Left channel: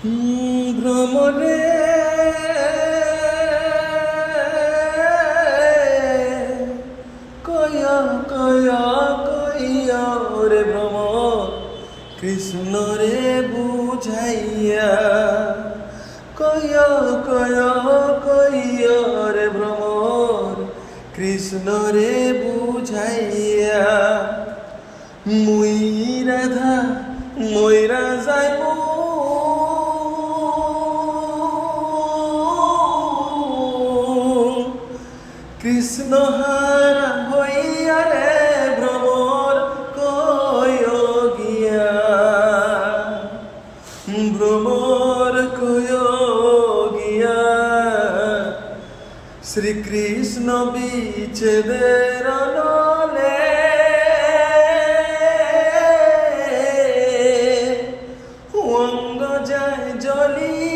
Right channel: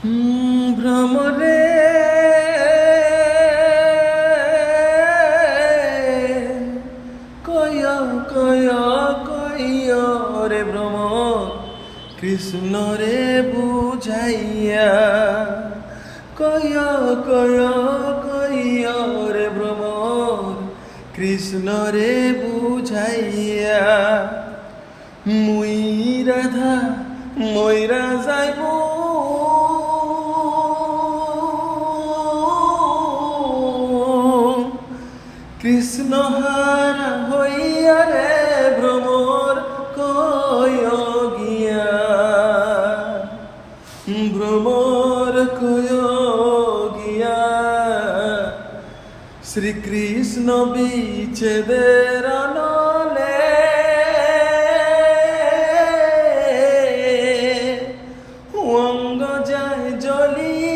ভ্রমরে কয়া কয়া কয়া রে ভ্রমর কৃষ্ণ রে বুঝাইয়া কয়া কয়া কয়া রে ভ্রমর কৃষ্ণ রে বুঝাইয়া মুই রাধা ময়রা যাইমু কৃষ্ণ হারা হইয়া রে ভ্রমর কয় গিয়া ভ্রমর কয় গিয়া শ্রীকৃষ্ণ বিচ্ছেদের নলে অঙ্গ যায় জলি